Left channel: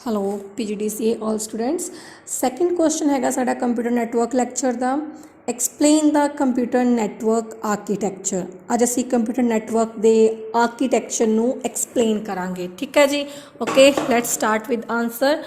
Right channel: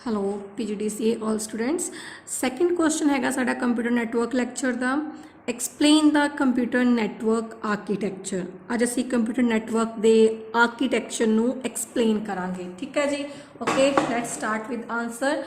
Hello PGDCA all students. Second question हैगा साडा computer network lecture का। Explain the computer network architecture. अज असी कंप्यूटर नैटवर्क के आर्कीटैक्चर नू एक्सप्लेन करांगे। ठीक है जी। Okay, let's start with answer.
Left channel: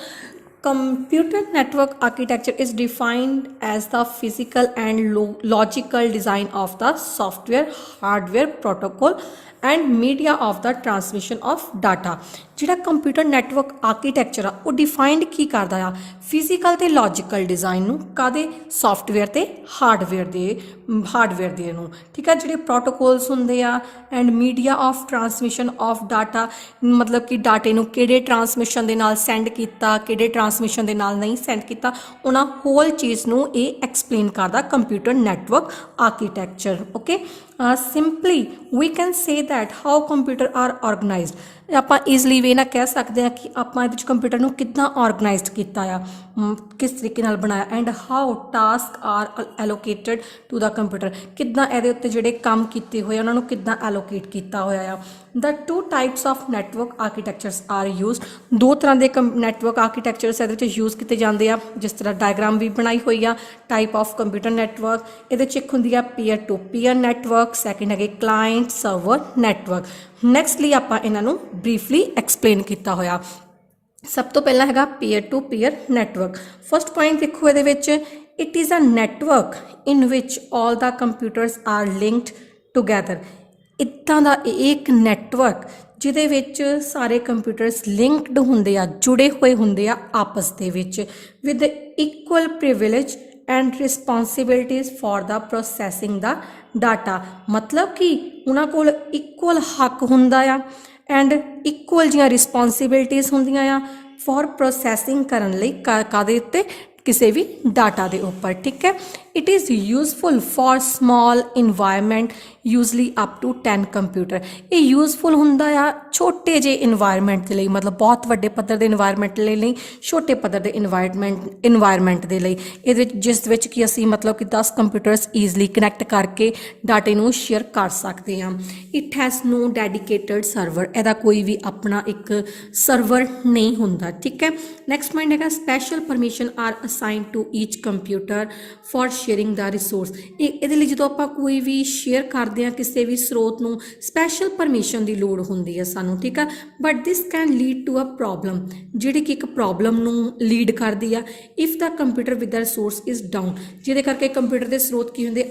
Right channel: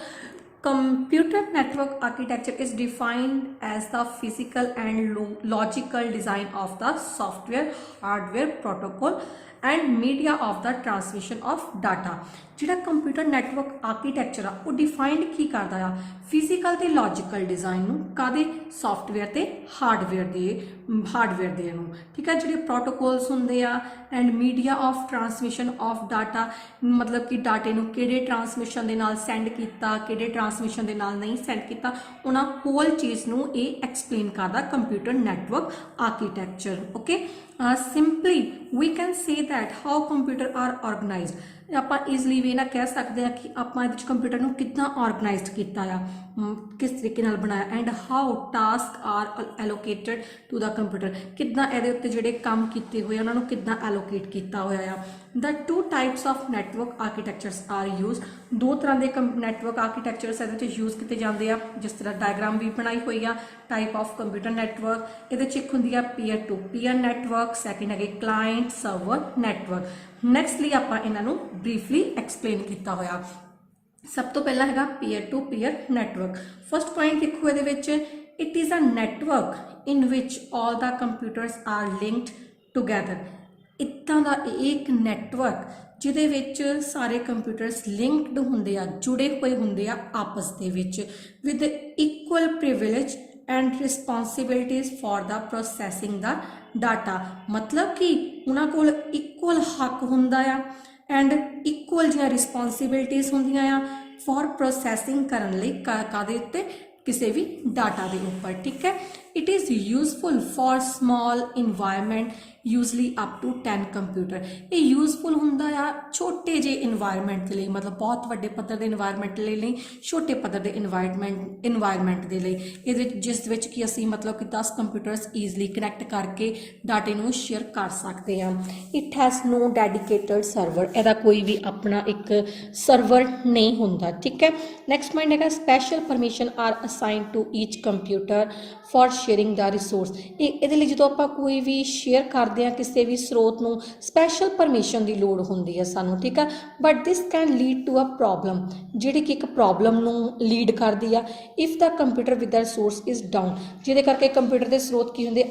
Computer network architecture is defined as the physical and logical design of the software, hardware, protocol and media of the transmission of data। ਜਿਹੜਾ computer network architecture ਆ ਉਹ defined ਕੀ ਕਰਦਾ ਆ? Physical ਤੇ logical design ਨੂੰ, ਕਾਦੇ? Software ਤੇ hardware ਦੇ ਨੂੰ। ਠੀਕ ਹੈ। ਜਿਹੜੇ ਪ੍ਰੋਟੋਕੋਲਸ ਹੁੰਦੇ ਆ and media of transmission of data, ਮਤਲਬ ਕਿ ਡਾਟੇ ਨੂੰ ਕਿਹੜੇ ਟਰਾਂਸਮਿਸ਼ਨ ਦੇ ਨਾਲ ਸੈਂਡ ਕੀਤਾ, ਕਿਹੜੇ ਟਰਾਂਸਮਿਸ਼ਨ ਦੇ ਨਾਲ ਨਹੀਂ ਸੈਂਡ ਕੀਤਾ, ਉਹਨਾਂ ਹੋਲ ਚੀਜ਼ ਨੂੰ ਇਹ ਐਕਸਪਲੇਨ ਕਰਦਾ computer network architecture. Okay, simply we can say that how computer are organised. ਆਪਾਂ ਈਜ਼ਲੀ ਵੇ ਨਾਲ ਕਹਿ ਸਕਦੇ ਹਾਂ ਕਿ ਆਪਾਂ ਇਹਦੇ 'ਚ ਕੰਪਿਊਟਰ ਨੂੰ ਕਿੱਦਾਂ ਆਰਗਨਾਈਜ਼ਡ ਕੀਤਾ ਆ, ਕਿਸ ਤਰੀਕੇ ਨਾਲ ਬਣਾਇਆ, and how task are allocated to the computer. ਕਿੱਦਾਂ ਇਹਦੇ ਉੱਤੇ ਜਿਹੜੇ ਕੰਮ ਕੀਤੇ ਹੋਏ ਉਹਨਾਂ ਨੂੰ ਕਿੱਦਾਂ ਐਲੋਕੇਟ ਕੀਤਾ ਹੋਇਆ ਆ। The two types of network architectures are used. ਦੋ ਤਰ੍ਹਾਂ ਦੇ ਨੈਟਵਰਕ ਆਰਕੀਟੈਕਚਰਸ ਇਹਦੇ 'ਚ ਯੂਜ਼ ਕੀਤੇ ਜਾਂਦੇ ਆ, ਜਿਸ ਤਰ੍ਹਾਂ ਡਾਇਗਰਾਮ ਵੀ ਬਣਾਈ ਹੋਈ ਆ। ਟਾਈਪ ਆਫ ਕੰਪਿਊਟਰ ਨੈਟਵਰਕ, ਇਹਦੇ 'ਚ ਇੱਕ ਹੁੰਦੀ ਆ peer to peer network, second ਹੈਗੇ ਕਲਾਇੰਟ ਸਰਵਰ ਨੈਟਵਰਕ। ਨੈਕਸਟਲੀ ਆਪਾਂ ਇਹਨਾਂ ਨੂੰ ਬਰੀਫਲੀ ਐਕਸਪਲੇਨ ਕੀਤਾ ਹੋਇਆ। ਸਭ ਤੋਂ ਪਹਿਲਾਂ ਹੈਗਾ peer to peer network. First point ਦੇਖੋ ਇਹਦੇ ਵਿੱਚ, it is a network in which all the computers are linked together. ਇੱਦਾਂ ਦਾ ਇੱਕ ਨੈਟਵਰਕ ਜਿਹਦੇ ਵਿੱਚ ਸਾਰੇ ਕੰਪਿਊਟਰਸ ਲਿੰਕਡ ਹੁੰਦੇ ਆ, ਜੁੜੇ ਹੋਏ ਹੁੰਦੇ ਆ ਆਪਸ ਦੇ ਵਿੱਚ, with equal privilege and responsibilities for the processing the data. ਮਤਲਬ ਕਿ ਉਹਨਾਂ ਕੋਲ ਇਕੁਅਲ ਹੱਕ ਹੁੰਦਾ ਆ ਐਂਡ ਇਕੁਅਲ ਜਿਹੀਆਂ ਰਿਸਪੋਂਸੀਬਿਲਿਟੀਜ਼ ਹੁੰਦੀਆਂ ਆ ਫॉर ਪ੍ਰੋਸੈਸਿੰਗ ਕਰਨ ਲਈ ਕਾਹਦੇ ਉੱਤੇ? ਕਿਸੇ ਵੀ ਡਾਟਾ ਦੇ ਉੱਪਰ। ਠੀਕ ਹੈ। It is useful for small environment usually up to 10 computer. ਇਹ ਯੂਜ਼ਫੁਲ ਹੁੰਦਾ ਆ ਛੋਟੇ ਜਿਹੇ ਇਨਵਾਇਰਮੈਂਟ ਦੇ ਲਈ, ਮਤਲਬ ਬਹੁਤ ਵੱਡੇ ਪੱਧਰ ਦੇ ਇਨਵਾਇਰਮੈਂਟ ਲਈ ਨਹੀਂ, ਛੋਟੇ ਪੱਧਰ ਦੇ ਇਨਵਾਇਰਮੈਂਟ ਦੇ ਲਈ। ਇਹਦੇ ਵਿੱਚ ਜਿਸ ਵਿੱਚ ਕਿ ਅਸੀਂ ਮਤਲਬ ਕਿ 10 ਕੰਪਿਊਟਰਸ ਈਜ਼ਲੀ ਕਨੈਕਟ ਕਰਕੇ ਡਾਟੇ ਨੂੰ ਸ਼ੇਅਰ ਕਰ ਸਕਦੇ ਹਾਂ। It has no dedicated server. ਇਹਦਾ ਕੋਈ ਵੀ ਆਪਣਾ ਇੱਕ ਸਰਵਰ ਨਹੀਂ ਹੁੰਦਾ। ਠੀਕ ਹੈ। ਨੈਕਸਟ ਪੁਆਇੰਟ ਹੈਗਾ special permission are assign to each computer for sharing the resource. ਇਹਦੇ ਲਈ ਜਦੋਂ ਆਪਾਂ ਕੋਈ ਵੀ ਸ਼ੇਅਰ ਕਰਦੇ ਹਾਂ ਕਿਸੇ ਵੀ ਸਰੋਤ ਨੂੰ, ਸਪੈਸ਼ਲ ਪਰਮਿਸ਼ਨ ਦੀ ਲੋੜ ਹੁੰਦੀ ਹੈ ਸਾਨੂੰ। ਠੀਕ ਆ। But this can lead to a problem, ਜਿਹੜੀ ਕਿ ਇੱਕ ਪ੍ਰੋਬਲਮ ਨੂੰ ਲੀਡ ਕਰਦੀ ਆ। If the computer with the resource is down, ਜਿਹਦੇ ਕਰਕੇ ਕੰਪਿਊਟਰ ਦੇ ਸਰੋਤ ਕੀ ਹੁੰਦੇ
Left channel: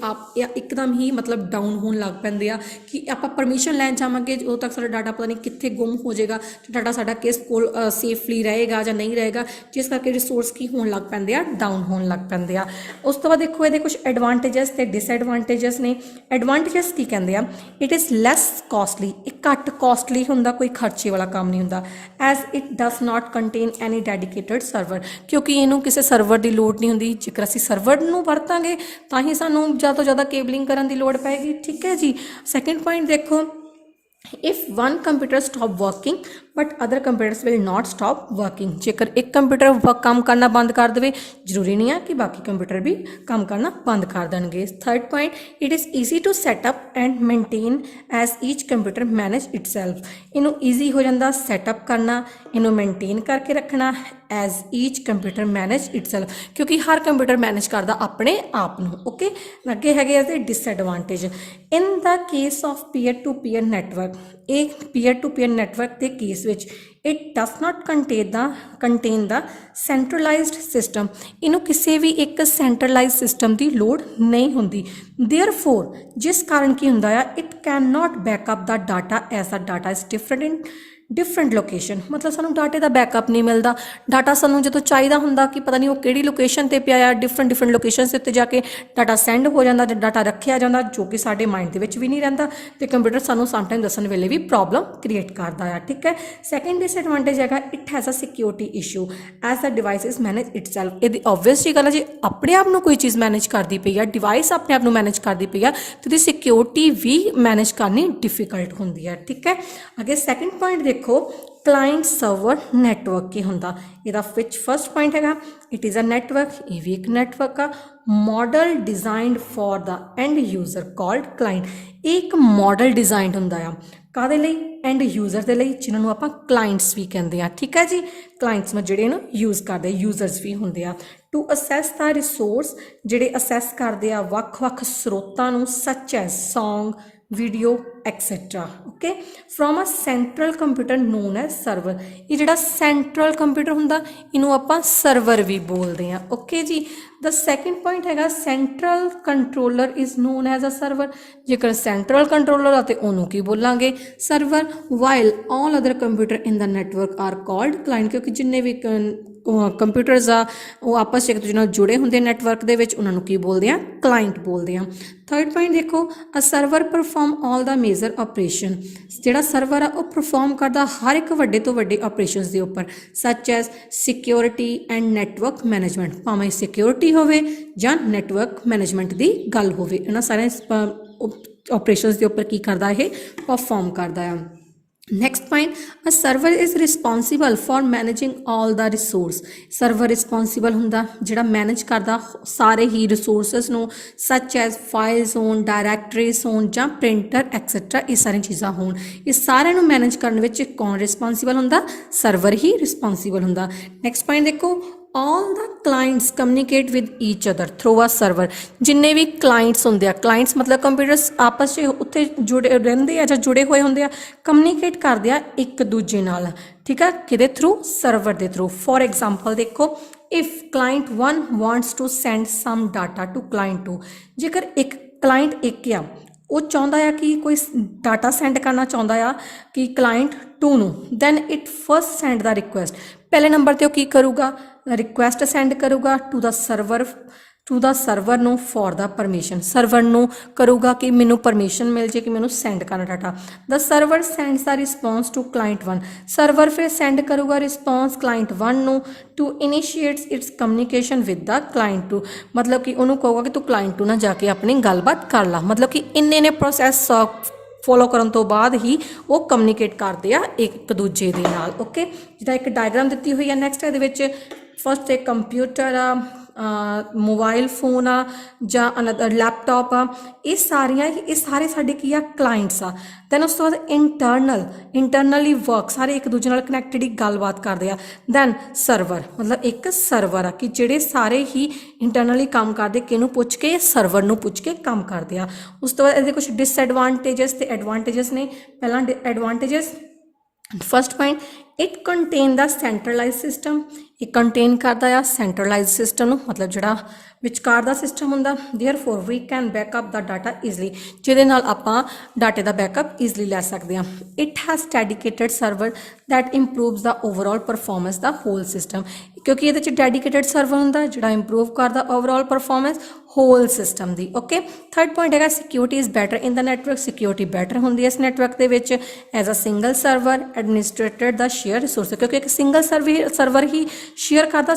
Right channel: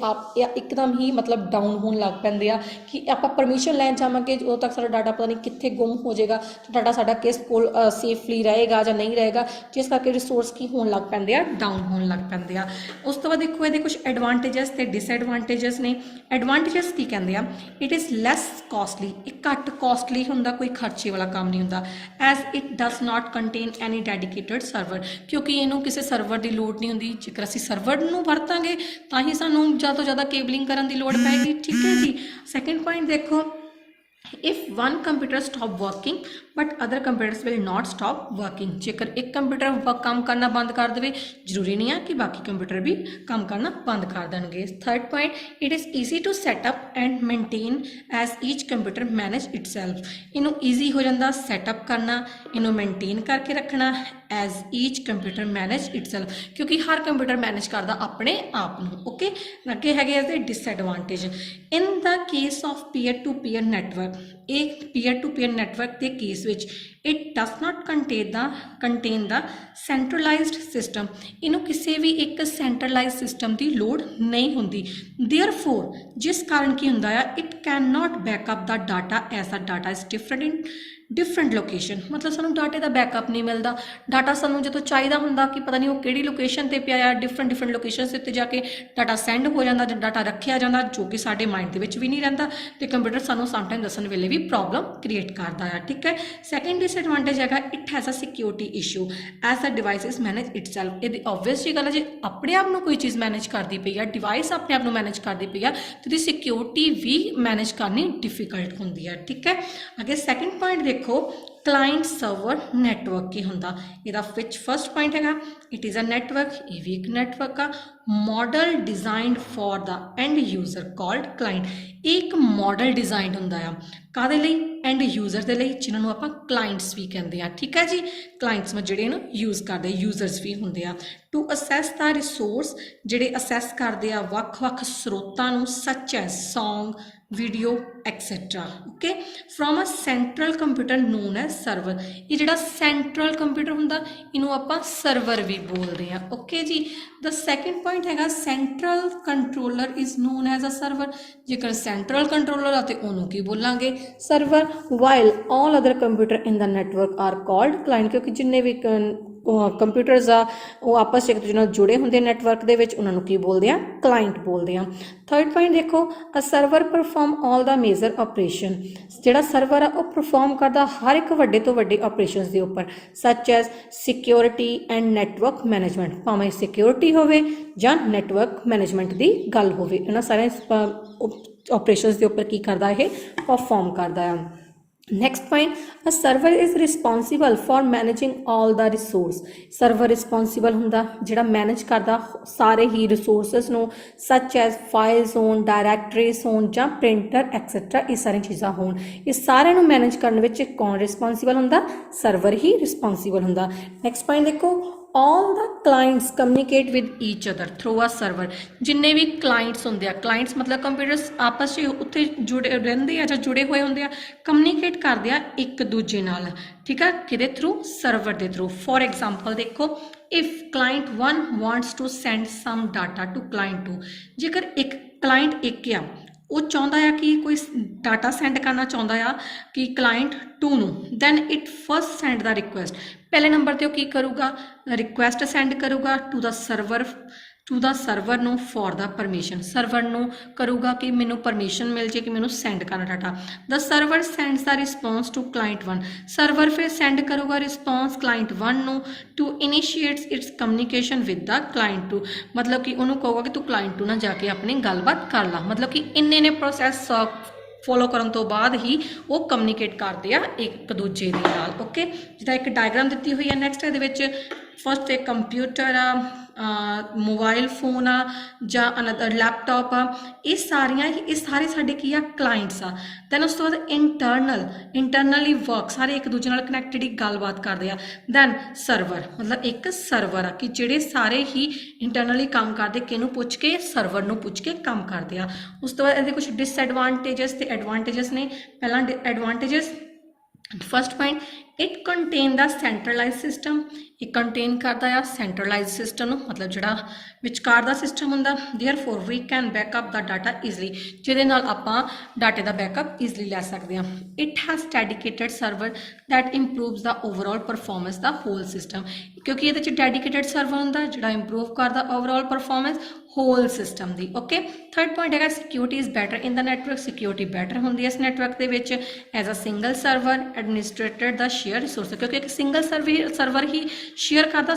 ਇੱਕਦਮ ਹੀ ਮਤਲਬ ਡਾਊਨ ਹੋਣ ਲੱਗ ਪੈਂਦੇ ਆ ਕਿ ਆਪਾਂ ਪਰਮਿਸ਼ਨ ਲੈਣ ਜਾਵਾਂਗੇ ਉਦੋਂ ਤੱਕ ਸਾਡਾ ਡਾਟਾ ਪਤਾ ਨਹੀਂ ਕਿੱਥੇ ਗੁੰਮ ਹੋ ਜਾਏਗਾ, ਡਾਟਾ ਸਾਡਾ ਕਿਸ ਕੋਲ ਸੇਫਲੀ ਰਹੇਗਾ ਜਾਂ ਨਹੀਂ ਰਹੇਗਾ, ਜਿਸ ਕਰਕੇ ਰਿਸੋਰਸ ਕੀ ਹੋਣ ਲੱਗ ਪੈਂਦੇ ਆ, ਡਾਊਨ ਹੋਣ ਲੱਗ ਪੈਂਦੇ ਆ। ਉਸ ਤੋਂ ਬਾਅਦ ਦੇਖੋ ਇਹਦੇ ਕੁਝ ਐਡਵਾਂਟੇਜਸ ਤੇ ਡਿਸਐਡਵਾਂਟੇਜਸ ਨੇ। ਐਡਵਾਂਟੇਜਸ ਕੀ ਕਹਿੰਦੇ ਆ? It is less costly. ਇਹ ਘੱਟ ਕਾਸਟਲੀ ਹੁੰਦਾ, ਕੋਈ ਖਰਚੇ ਵਾਲਾ ਕੰਮ ਨਹੀਂ ਹੁੰਦਾ। As it does not contain any dedicated server, ਕਿਉਂਕਿ ਇਹਨੂੰ ਕਿਸੇ ਸਰਵਰ ਦੀ ਲੋੜ ਨਹੀਂ ਹੁੰਦੀ। ਜੇਕਰ ਅਸੀਂ ਸਰਵਰ ਨੂੰ ਵਰਤਾਂਗੇ ਤਾਂ ਹੀ ਸਾਨੂੰ ਜ਼ਿਆਦਾ ਤੋਂ ਜ਼ਿਆਦਾ ਕੇਬਲਿੰਗ ਕਰਨ ਦੀ ਲੋੜ ਪਏਗੀ। ਠੀਕ ਹੈ ਜੀ। ਸੈਕਿੰਡ ਪੁਆਇੰਟ ਦੇਖੋ, if one computer stop working but other computers will not stop working। ਜੇਕਰ ਇੱਕ ਕੰਪਿਊਟਰ ਕੰਮ ਕਰਨਾ ਬੰਦ ਕਰ ਦੇਵੇ, ਜ਼ਰੂਰੀ ਨਹੀਂ ਆ ਕਿ ਬਾਕੀ ਕੰਪਿਊਟਰ ਵੀ ਕੰਮ ਕਰਨਾ ਬੰਦ ਕਰ ਦੇਣਗੇ। Third point, it is easy to setup and maintain as each computer manage itself. ਇਹਨੂੰ ਈਜ਼ੀ ਹੋ ਜਾਂਦਾ ਸੈਟਅਪ ਕਰਨਾ, ਇਹਨੂੰ ਮੇਨਟੇਨ ਕਰਕੇ ਰੱਖਣਾ as each computer manage itself, ਕਿਉਂਕਿ ਹਰ ਕੰਪਿਊਟਰ ਮੈਨੇਜ ਕਰਦਾ ਆਪਣੇ ਆਪ ਨੂੰ। ਓਕੇ। ਅੱਗੇ ਹੈਗੇ ਇਹਦੇ disadvantage. In the case of peer to peer network, ਇਹ ਪੀਅਰ ਟੂ ਪੀਅਰ ਨੈਟਵਰਕ ਦੇ ਕੇਸ ਵਿੱਚ it does not contain the centralised system. ਇਹਨੂੰ ਕਿਸੇ ਵੀ ਇੱਕ ਸੈਂਟਰਲਾਈਜ਼ਡ ਸਿਸਟਮ ਦੀ ਲੋੜ ਨਹੀਂ ਹੁੰਦੀ। ਦੇਅਰਫੋਰ, ਜਿਸ ਕਾਰਨ ਕੀ ਹੁੰਦਾ ਆ, it can not backup the data as the data is different location. ਮਤਲਬ ਸਾਨੂੰ ਡਾਟੇ ਦਾ ਬੈਕਅਪ ਨਹੀਂ ਮਿਲਦਾ। ਡਾਟਾ ਸਾਨੂੰ ਜਦੋਂ ਚਾਹੀਦਾ ਹੁੰਦਾ ਕਿ ਪਤਾ ਨਹੀਂ ਉਹ ਕਿਹੜੀ ਲੋਕੇਸ਼ਨ 'ਤੇ ਪਿਆ ਆ, ਡਿਫਰੈਂਟ ਲੋਕੇਸ਼ਨ ਦੇ ਉੱਤੇ ਜਾ ਕੇ ਡਾਟਾ ਸੈਂਡ ਹੋ ਜਾਂਦਾ, ਡਾਟਾ ਰੱਖਿਆ ਜਾਂਦਾ, ਜੋ ਕਿ ਸਾਡੇ ਮਾਈਂਡ ਦੇ ਵਿੱਚ ਵੀ ਨਹੀਂ ਰਹਿੰਦਾ ਅਤੇ ਕੰਪਿਊਟਰ ਸਾਨੂੰ ਸਮਟਾਈਮ ਦੱਸਣ ਵੇਲੇ ਵੀ ਪ੍ਰੋਬਲਮ ਕ੍ਰੀਏਟ ਕਰਦਾ ਆ। ਠੀਕ ਹੈ। ਸੈਕਿੰਡ ਡਿਸਐਡਵਾਂਟੇਜ ਹੈਗਾ, it has a security issue as the device is manage itself. ਇਹਦੀ ਓਬਵੀਅਸ ਜੀ ਗੱਲ ਹੈ, ਜੇ ਆਪਣੇ ਆਪ ਨੂੰ ਕੋਈ ਚੀਜ਼ ਮੈਨੇਜ ਕਰਦੀ ਪਈ ਆ, ਡਿਵਾਈਸ ਆਪਣੇ ਆਪ ਨੂੰ ਮੈਨੇਜ ਕਰਦੀ ਪਈ ਆ, ਤਾਂ ਉਹਦੀ ਸਿਕਿਉਰਿਟੀ ਵੀ ਮੈਨੇਜ ਕਰਨੀ ਡਿਫਿਕਲਟ ਹੁੰਦੀ ਹੈ। ਠੀਕ ਹੈ। ਅੱਗੇ ਸੈਕਿੰਡ ਪੁਆਇੰਟ ਦੇਖੋ, क्लाइंट सर्वर नैटवर्क की हुंदा इहदा विच फर्स्ट पॉइंट हैगा इट इज़ अ नैटवर्क ये भी एक नैटवर्क आ model designed for the end user called client एक मॉडल डिजाइंड हुंदा आ काहदे लई एंड यूजर दे लई जिन्हां नूं आपां क्लाइंट्स भी कहंदे आ ठीक है जी क्लाइंट्स में जिहड़े नूं यूज़ करदे यूजर्स भी हुंदे आ टू असैस द रिसोर्स जिहड़े असैस करदे आ वख-वख स्रोतां नूं such as song video etcetera okay from a central computer known as server ये जिहड़ा सेंट्रल कंप्यूटर हुंदा इनू आपां सर्वर भी बोलते हैं ओके जी द सैकेंड पॉइंट हैगा central controller is known as a server जेकर सेंट्रल कंट्रोलर आते उन्होंने की बोलांगे server while all other computer in the network are called client क्योंकि जिन्ने भी कंप्यूटर्स आ वो आपस एक दूसरे नाल जुड़े होंगे नैटवर्क दे विच उन्हां नूं की बोलते हैं क्लाइंट बोलते हैं थर्ड पॉइंट देखो a server perform all the major operation जिहड़ा सर्वर आ वो परफॉर्म करता हर एक वड्डे तो वड्डे ऑपरेशनस के उपर such as security and network management भावें सिक्योरिटी होवे जां नैटवर्क मैनेजमेंट की गल होवे इन्हां सारे ऑपरेशनस के उपर की करता है परफॉर्म करता है next point a server is responsible for managing all the resource server responsible हुंदा जिहड़ा मैनेज करदा सारे ही रिसोर्सिस नूं सच एज फाइल्स होण डायरैक्टरीज होण जां प्रिंटर एक्सैट्रा ये सारी चीज़ां होण ये सारे नूं मैनेज करने विच कौन रिस्पॉन्सिबल हुंदा सर्वर ही रिस्पॉन्सिबल हुंदा नेक्स्ट पॉइंट देखो all the clients communicate with each other through a server जिन्ने भी clients होंगे clients मतलब कंप्यूटर्स आपस में उत्थे जुड़े रहंदे आ जां जुड़े हुए होंगे कम्युनिकेट करते हैं एक दूजे नाल ठीक है किदे थ्रू सर्वर के थ्रू फॉर एग्जाम्पल देखो if client 1 wants to send some data to client 2 जेकर एक क्लाइंट एक आ वो चाहता है कि कोई डाटा सेंड करना चाहता है कि क्लाइंट 2 नूं then it first send the request पहले नंबर ते की करूगा रिक्वेस्ट सेंड करूगा टू द सर्वर नूं फॉर द परमिशन सर्वर नूं करूगा कि मैनू परमिशन मिल जाए कि मैनू सेंड करना data the server sends the response to client 1 server फिर सेंड करूगा रिस्पॉन्स क्लाइंट 1 नूं two initiates its communication with the client 2 मतलब कि उन्होंने कहूगा कि तू क्लाइंट 2 ना जाके अपनी गलबात कर ला मतलब कि इन्ने ने प्रोसैस फॉलो करन तो बाद ही वो कम्युनिकेट करते हैं एक दूजे दे नाल ओके जिदा एक डायग्राम दी हुई है नैक्सट ये फस्ट एक कंप्यूटर आ मोबाइल फोन आ जां अनदर लैपटॉप आ ये सारे साडे की आ क्लाइंट्स आ दैन उस तो बाद इंटरनली वर्क सारे एक दूजे नाल कनैक्टेड ही गलबात करते हैं दैन सर्वर मतलब एक सर्वर आ कि जिहड़े सारे ही इंटरनली काम करते किनू पुछ के सर्वर नू पुछ के काम करते हैं उस तो बाद इहदे कुछ डिसएडवांटेजेस ते एडवांटेजेस ने पहला advantages first point it contain the centralise system ये कंटेन करता है सेंट्रलाइज सिस्टम मतलब जिहड़ा विचकार दा सिस्टम हुंदा therefore we can backup the data easily जिहदे नाल आपां डाटे दा बैकअप ईजली लै सकते हैं it has dedicated server that improves the overall performance the whole system क्योंकि ये डेडिकेटेड सर्वर हुंदा जिहड़ा इंप्रूव करदा ओवरऑल परफॉर्मेंस होल सिस्टम दी ओके थर्ड पॉइंट है security is better in the network security better होंदी है इस नैटवर्क के विच as a single server administrated the share resource क्योंकि एक सिंगल सर्वर ही शेयर करता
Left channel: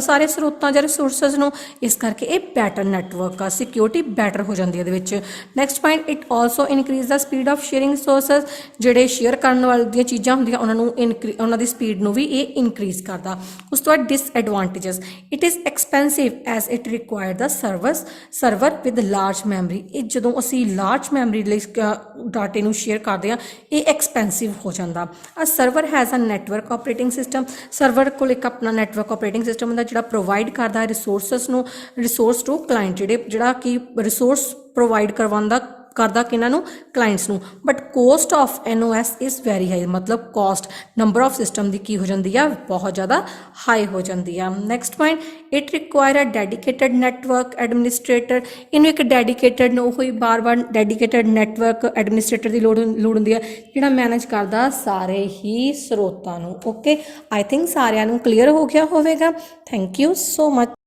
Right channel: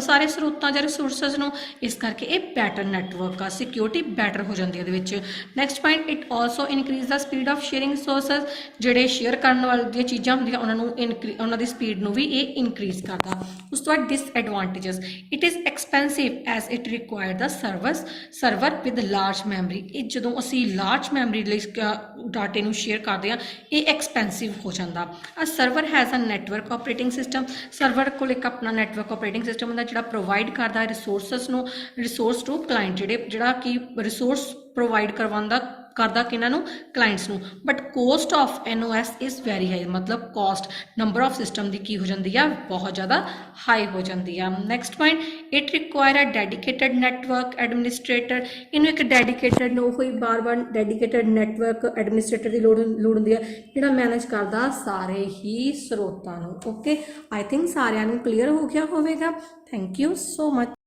सारे स्रोतां या रिसोर्सिस नूं इस करके ये बैटर नैटवर्क आ सिक्योरिटी बैटर हो जाती है next point it also increase the speed of sharing resources जिहड़े शेयर करने वाली चीज़ां होंदियां उन्हां दी स्पीड नूं भी ये इनक्रीज करता उस तो बाद disadvantages it is expensive as it require the server with large memory ये जो असी लार्ज मैमरी डाटे नूं शेयर करते हैं ये एक्सपेंसिव हो जाता a server has a network operating system server को एक अपना नैटवर्क ऑपरेटिंग सिस्टम होंदा जिहड़ा प्रोवाइड करता है रिसोर्स टू क्लाइंट जिहड़ा कि रिसोर्स प्रोवाइड करदा किन्हां नूं क्लाइंट्स नूं but cost of NOS is very high मतलब कॉस्ट नंबर ऑफ सिस्टम की हो जाती है बहुत ज़्यादा हाई हो जाती है next point it require a dedicated network administrator इनू एक डेडिकेटेड हुई बार बार डेडिकेटेड नैटवर्क एडमिनिस्ट्रेटर की लोड़ होंदी है जिहड़ा मैनेज करदा सारे ही स्रोतां नूं ओके आई थिंक सारिਆਂ ਨੂੰ क्लीयर हो गया होवेगा थैंक यू सो मच